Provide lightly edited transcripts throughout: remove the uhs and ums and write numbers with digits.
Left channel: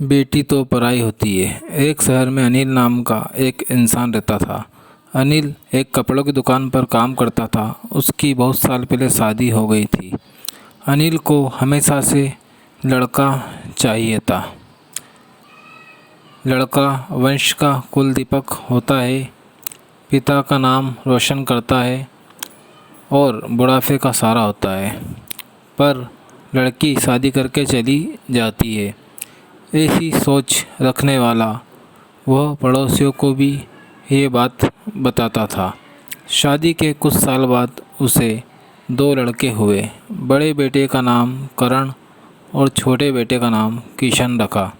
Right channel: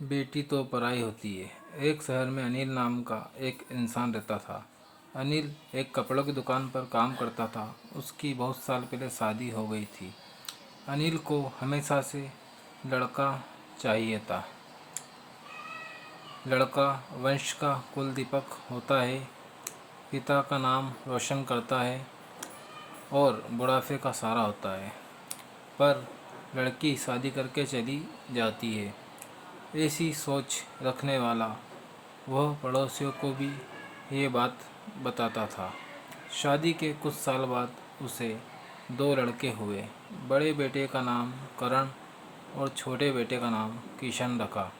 बेटी तो पराई होती है। एक शहर में अनिल नाम का एक इंसान रहता था। अनिल एक कपड़ों की दुकान पर काम करता था। उसकी बहुत साल पहले शादी हो गई थी। अनिल को हमेशा से लड़का चाहिए था। लड़का वंश का कुल दीपक होता है, पिता का नाम रोशन करता है और बुढ़ापे का सहारा होता है। पर लड़की शादी करके चली जाती है। ऐसी सोच रखने वाला वह पड़ोसियों को भी ये बात बताता था। शादी के कुछ साल बाद उसे दो लड़के हुए। बड़े बेटे का नाम करण और छोटे बेटे का नाम किशन रखा।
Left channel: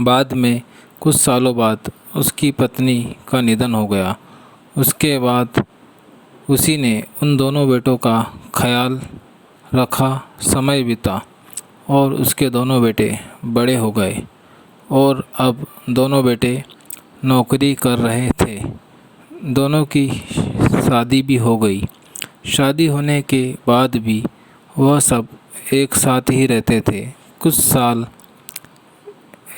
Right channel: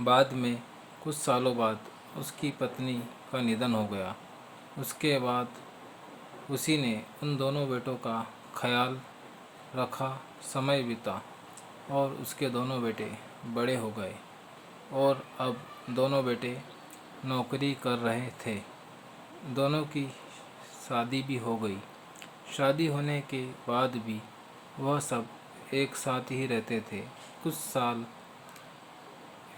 बाद में कुछ सालों बाद उसकी पत्नी का निधन हो गया। उसके बाद उसी ने उन दोनों बेटों का ख्याल रखा। समय बीता और उसके दोनों बेटे बड़े हो गए और अब दोनों बेटे नौकरी कर रहे थे। दोनों की शादी भी हो गई। शादी होने के बाद भी वह सब एक साथ ही रहते थे। कुछ साल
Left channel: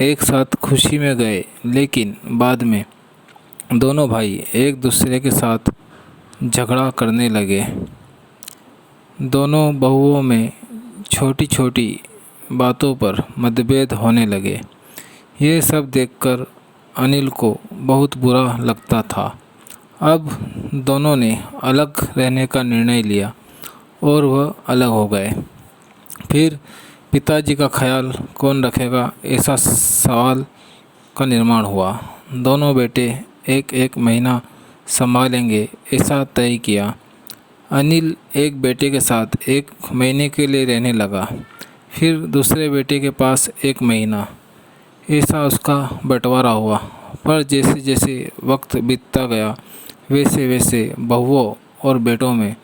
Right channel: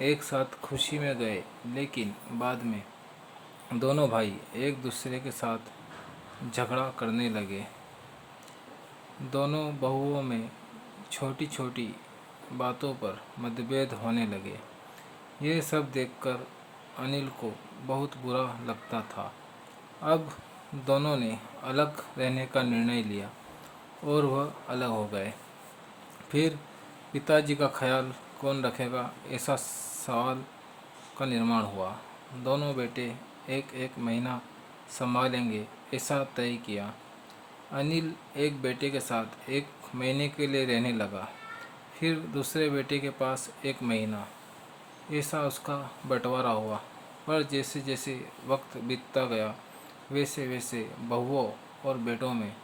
एक साथ खुशी में गए, लेकिन बाद में दोनों भाई एक दूसरे के साथ झगड़ा करने लगे। दोनों बहुओं में छोटी छोटी बातों पर मतभेद होने लगे। ये सब देखकर अनिल को बहुत बुरा लगता था। अब दोनों ने अलग रहने का निर्णय लिया और वह अलग हो गए। फिर पिताजी का ख्याल कौन रखेगा, ऐसा सवाल का निर्माण हुआ। दोनों बेटे एक एक महीना संभालेंगे, ऐसा तय किया। अनिल एक बेटे के साथ एक महीने के लिए रहने लगा, फिर दूसरे बेटे के पास एक महीना। ऐसा उसका बंटवारा हुआ। पर जैसे जैसे वक्त बीतता गया, वैसे वैसे बहुओं और बेटों में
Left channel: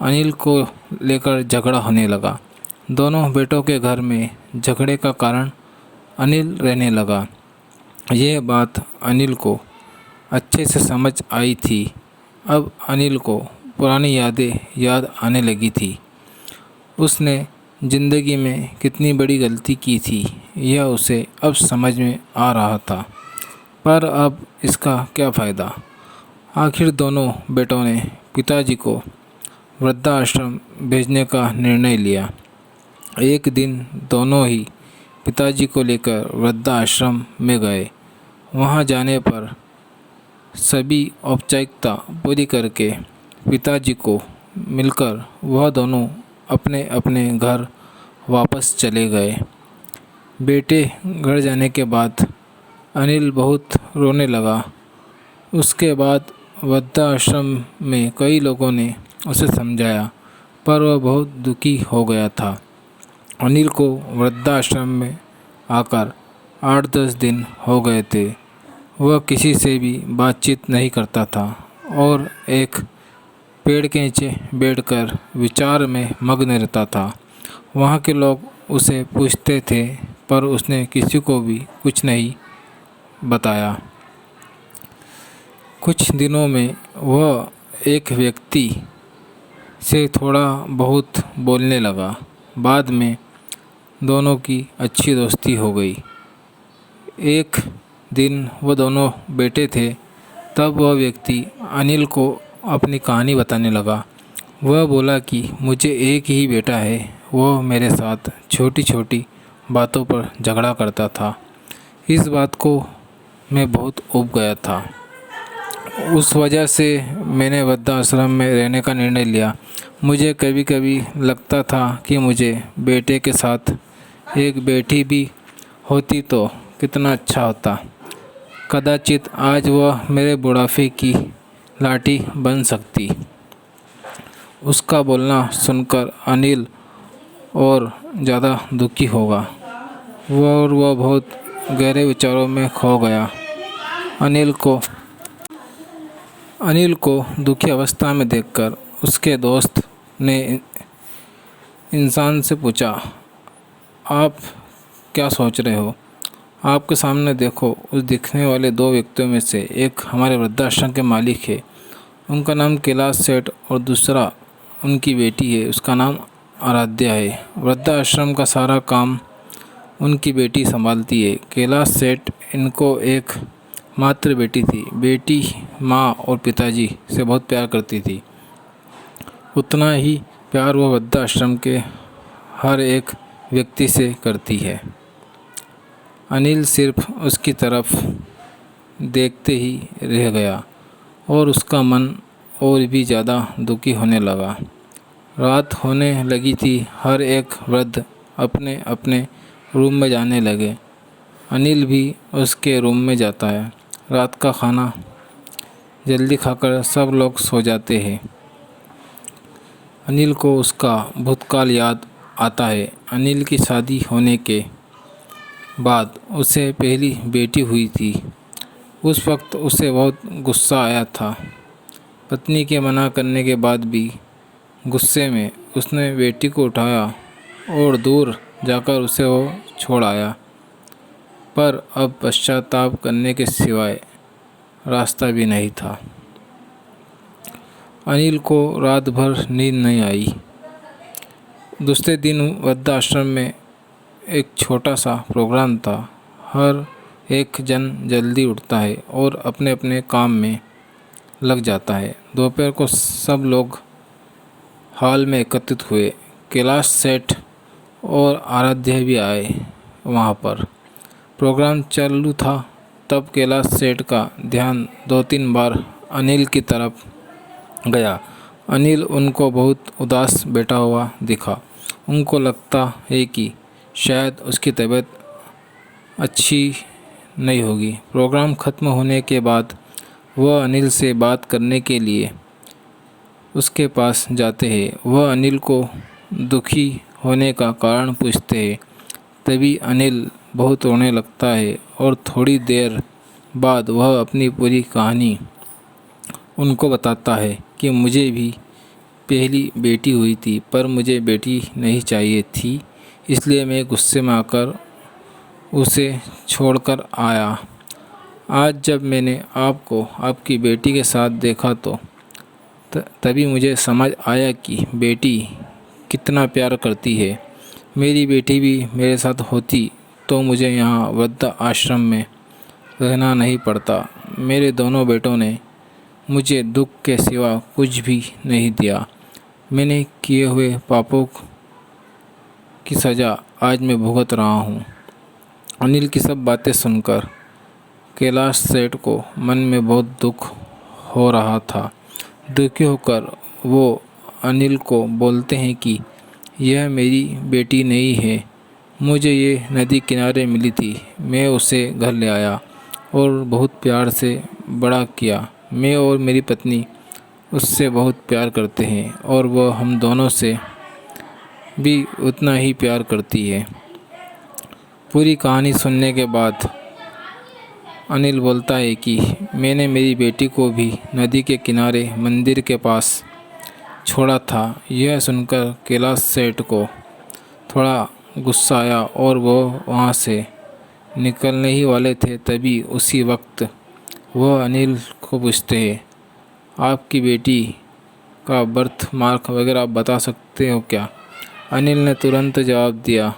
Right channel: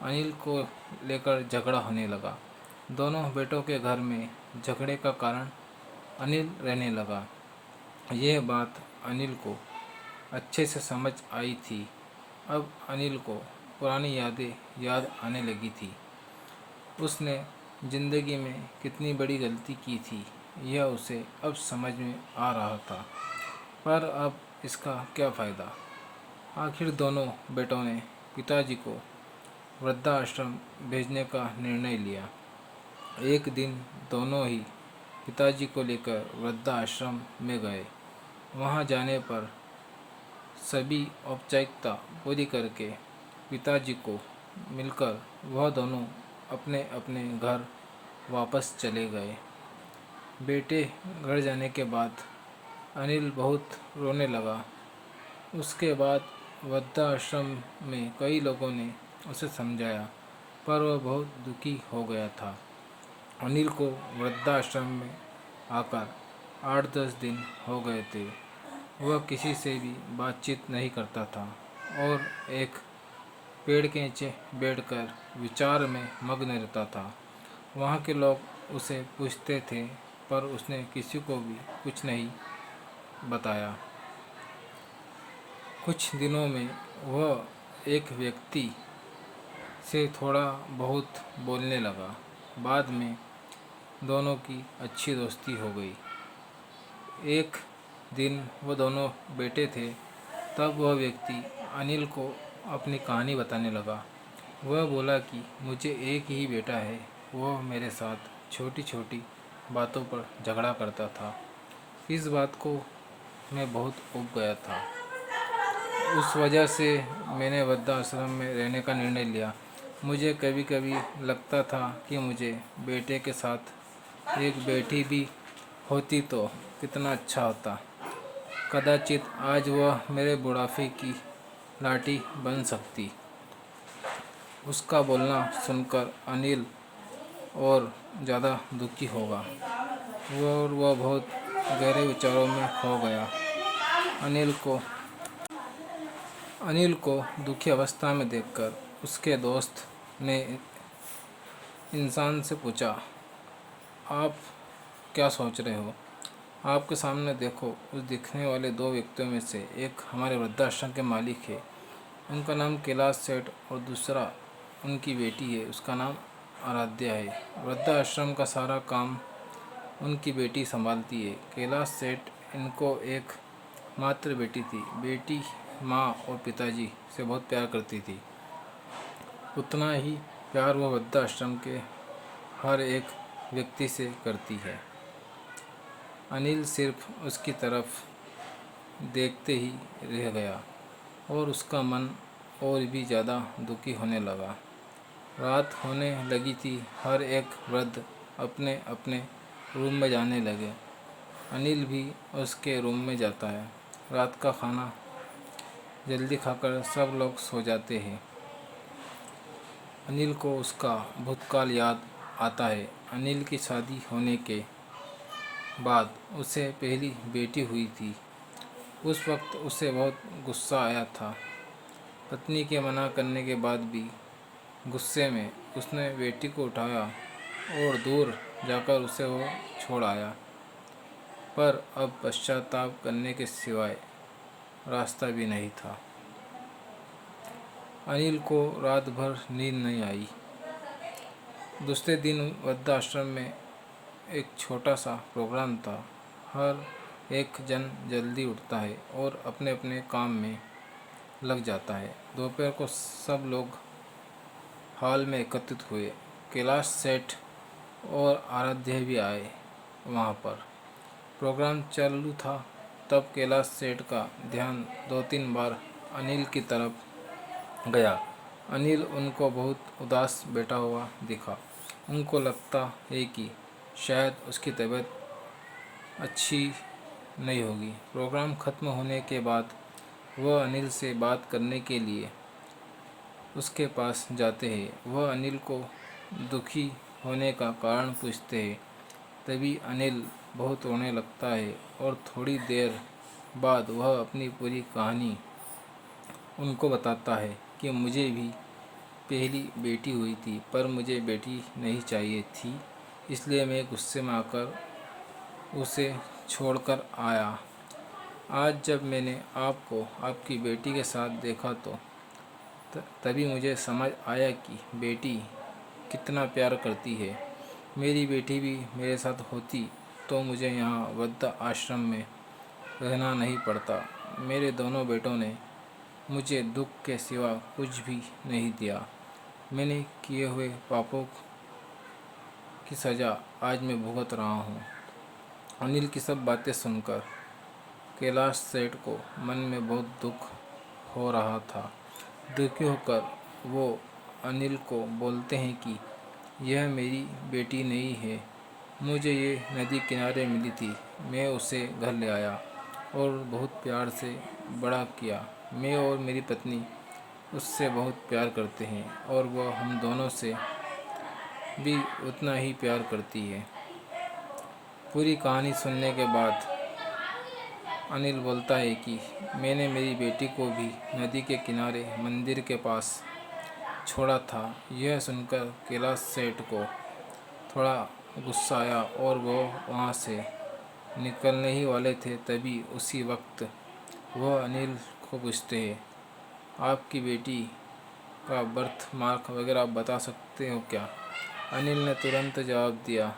अनिल को लेकर झगड़ा होने लगा। दोनों बेटों के घर में झगड़े का कारण अनिल रहने लगा। यह बात अनिल को अच्छे से समझ आई थी। अब अनिल को पुरानी यादें याद आने लगी थी। उसने ज़िंदगी में कितनी बड़ी गलती की थी, यह उसे अब समझ में आ रहा था। पर अब इसका क्या फ़ायदा। आखिर दोनों बेटों ने पिताजी को वृद्धाश्रम भेजने का निर्णय लिया। एक दिन दोनों ही पिताजी को लेकर वृद्धाश्रम में गए। वहां जाने पर सभी औपचारिकता पूरी करके पिताजी को मिलकर वह दोनों अपने अपने घर वापस चले गए। बेटे घर जाने के बाद अनिल बहुत रोने लगा। उसके बाद वृद्धाश्रम में कई लोगों ने उसे समझाया, पर वह बहुत दुखी हो गया था। अनिल को वृद्धाश्रम में आकर 8-10 दिन हो गए थे। वह किसी से भी बातचीत नहीं करता था और एक पेड़ के नीचे बैठकर विचार में मग्न रहता था। वहाँ के लोग उसे पूछते थे, पर उसने किसी को भी कुछ नहीं बताया। कुछ दिनों में वह एक व्यक्ति से थोड़ा बहुत बोलने लगा। बाद में दोनों की अच्छी दोस्ती हो गई। एक दिन वो दोनों बैठे थे, तब वह व्यक्ति अनिल को अपनी कहानी बताने लगा। वह बोला कि मुझे एक ही बेटा है। वो मेरे साथ छोटी छोटी बातों पर झगड़ा करता था। इस बात को मैं बहुत ऊब गया था। उस वजह से मैंने वृद्धाश्रम में रहने का निर्णय लिया। मुझे कभी कभी लगता था कि मुझे बेटे के साथ एक बेटी भी होती तो कितना अच्छा होता। कदाचित आज वह मेरे बुढ़ापे की लाठी बन सकती। उसका बोलना सुनकर अनिल और ज़्यादा दुखी होगा। वह बहुत गहरे विचारों में खो गया। अनिल को दुखी अवस्था में देखकर उसके दोस्त ने इंसान से पूछा, आप क्या सोच रहे हो? आपके सामने देखो, उस दिखने वाले दो व्यक्तियों में से एक हमारे वृद्धाश्रम के मालिक है। उनका नाम कैलाश सेठ और दूसरा उनकी बेटी है, उसका नाम आराध्या है। वृद्धाश्रम का सारा काम उनकी बेटी संभालती है। कैलाश सेठ इनको एक मात्र बेटी थी। बेटी माँ और पिताजी से बहुत प्यार करती थी। उतना ही प्यार वह वृद्धाश्रम के हर एक व्यक्ति से करती है। अनिल सिर्फ उसकी तरफ देखते ही रह गया और उसका मन और भी ज़्यादा दुखी होने लगा। रात होने लगी थी। हर एक वृद्ध अपने अपने रूम में जाने लगे। अनिल भी उसके रूम में जाता है। रात का खाना जल्दी खाकर सब लोग सो जाते हैं। अनिल को उसका भूतकाल याद आता है। अनिल की शादी होने के बाद उसे पहली बेटी हुई थी। उस वक्त उसे बहुत गुस्सा आया था। पत्नी के मना करने के बाद भी गुस्से में उसने बेटी को उठाया और दूर जाकर उसे वो छोड़ आया। पर अब पश्चाताप करने के सिवाय रास्ता भी नहीं था। अनिल को रात भर नींद नहीं आई। दूसरे दिन वृद्धाश्रम में एक छोटा सा प्रोग्राम था। हर एक जन जल्दी उठता है और अपने अपने काम में लग जाता है। दोपहर को सब लोग हॉल में एकत्रित हुए। कैलाश सेठ और आराध्या भी आए वहाँ पर। प्रोग्राम चालू था तब कैलाश सेठ का ध्यान 2-3 बार अनिल की तरफ गया। अनिल उनको बहुत उदास बैठा हुआ दिखा। उनको लगता है कि शायद उसकी तबीयत अच्छी नहीं होगी। प्रोग्राम ख़त्म होने के बाद वह अनिल से बात करने के लिए उसके पास जाते हैं। वह अनिल को दुखी होने का कारण पूछते हैं। तभी अनिल बहुत रोने लगता है और थोड़ी देर बाद वह अपनी पूरी कहानी उनको बताता है कि मुझे भी पहली बेटी हुई थी पर मुझे बेटी नहीं चाहिए थी, इसलिए मैं गुस्से में आकर उसे छोड़कर आया। आज जब मैंने आपको आपकी बेटी के साथ देखा तो तभी मुझे समझ आया कि बेटी कितना प्यार करती है। मेरी बेटी भी मेरे साथ होती तो मुझे यहाँ वृद्ध आश्रम में रहना नहीं पड़ता। मेरे दोनों बेटों ने मुझे दुख के सिवा कुछ भी नहीं दिया। मैंने किए हुए पापों की सज़ा आज मैं भुगत रहा हूँ। अनिल की सब बातें सुनकर कैलाश सेठ को मन में बहुत दुख हो रहा था। दुखी होकर वो अनिल को बोलते हैं कि यह मेरी बेटी नहीं है, मुझे ये नदी किनारे मिली थी। मैं उसे घर ले आया और बहुत प्यार से बड़ा किया। मैं और मेरी पत्नी उससे बहुत प्यार करते हैं और वह हम दोनों से भी उतना ही प्यार करती है। पूरी कहानी सुनने के बाद अनिल बोलता है कि मैंने मेरी बेटी को भी नदी के किनारे मंदिर के पास छोड़ा था। यह सुनकर कैलाश सेठ को थोड़ा गुस्सा आया और वो वहाँ से निकलने ही वाले थे। तभी उसी वक्त वह अनिल को पूछते हैं, आपकी बेटी का बर्थ मार्क वगैरह आप बता सकते हो क्या? अनिल ने तुरंत जवाब दिया,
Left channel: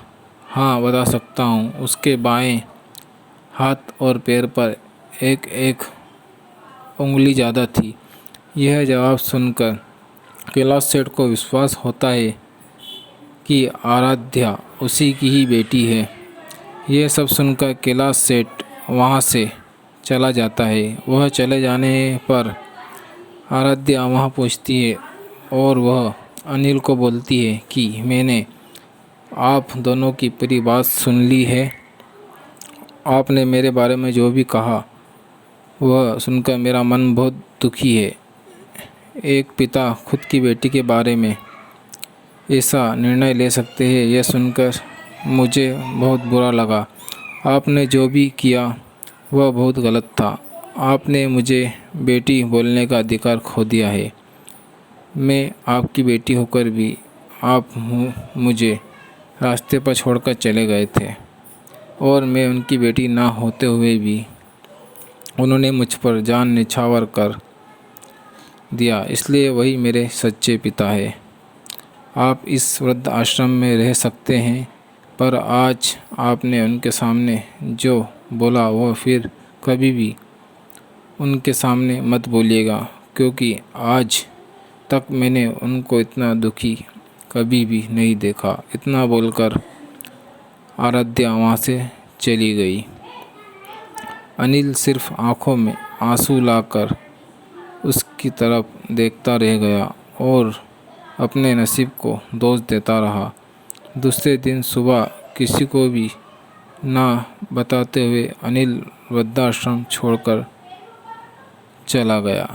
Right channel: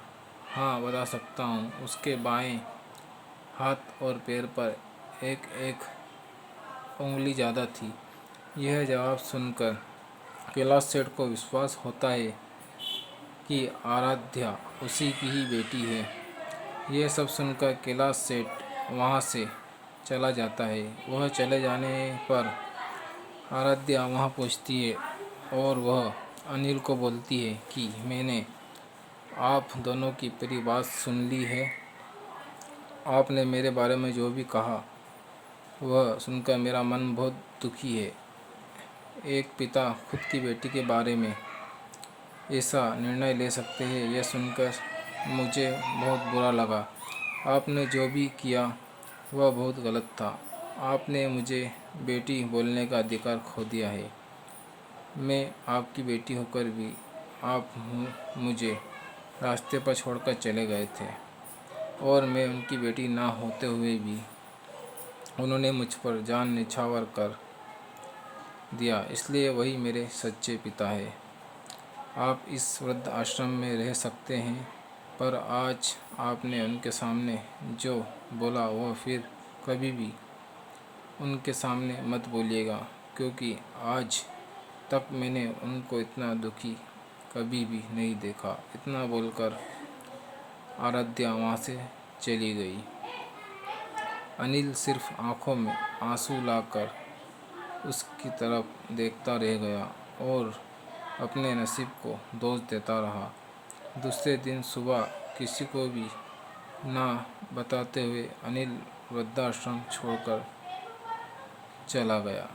हाँ बता सकता हूँ। उसके बाएं हाथ और पैर पर एक एक उंगली ज़्यादा थी। यह जवाब सुनकर कैलाश सेठ को विश्वास होता है कि आराध्या उसी की ही बेटी है। यह सब सुनकर कैलाश सेठ वहाँ से चला जाता है। वह चले जाने पर आराध्या वहाँ पहुँचती है और वह अनिल को बोलती है कि मैंने आप दोनों की पूरी बात सुन ली है। आपने मेरे बारे में जो भी कहा वह सुनकर मेरा मन बहुत दुखी है। एक पिता खुद की बेटी के बारे में ऐसा निर्णय ले सकते हैं, यह सुनकर मुझे बहुत बुरा लगा। आपने जो भी किया वह बहुत गलत था। आपने मुझे बेटी बोलने का अधिकार खो दिया है। मैं आपकी बेटी होकर भी आप मुझे रास्ते पर छोड़कर चले गए थे और मैं उनकी बेटी ना होते हुए भी उन्होंने मुझ पर जान निछावर कर दिया, इसलिए वही मेरे सच्चे पिता है। आप इस वृद्ध आश्रम में रह सकते हैं पर आज आपने उनके सामने जो बोला वो फिर कभी भी उनके सामने मत बोलिएगा, क्योंकि आज तक मैंने उनको इतना दुखी कभी भी नहीं देखा। इतना बोलकर आराध्या वहाँ से चली गई। अनिल सिर्फ आंखों में आंसू लाकर उसकी तरफ देखता रह गया और अपने नसीब को दोष देता रहा। दूसरे दिन सुबह किसी को भी ना बताते हुए अनिल वृद्धाश्रम छोड़कर चला गया।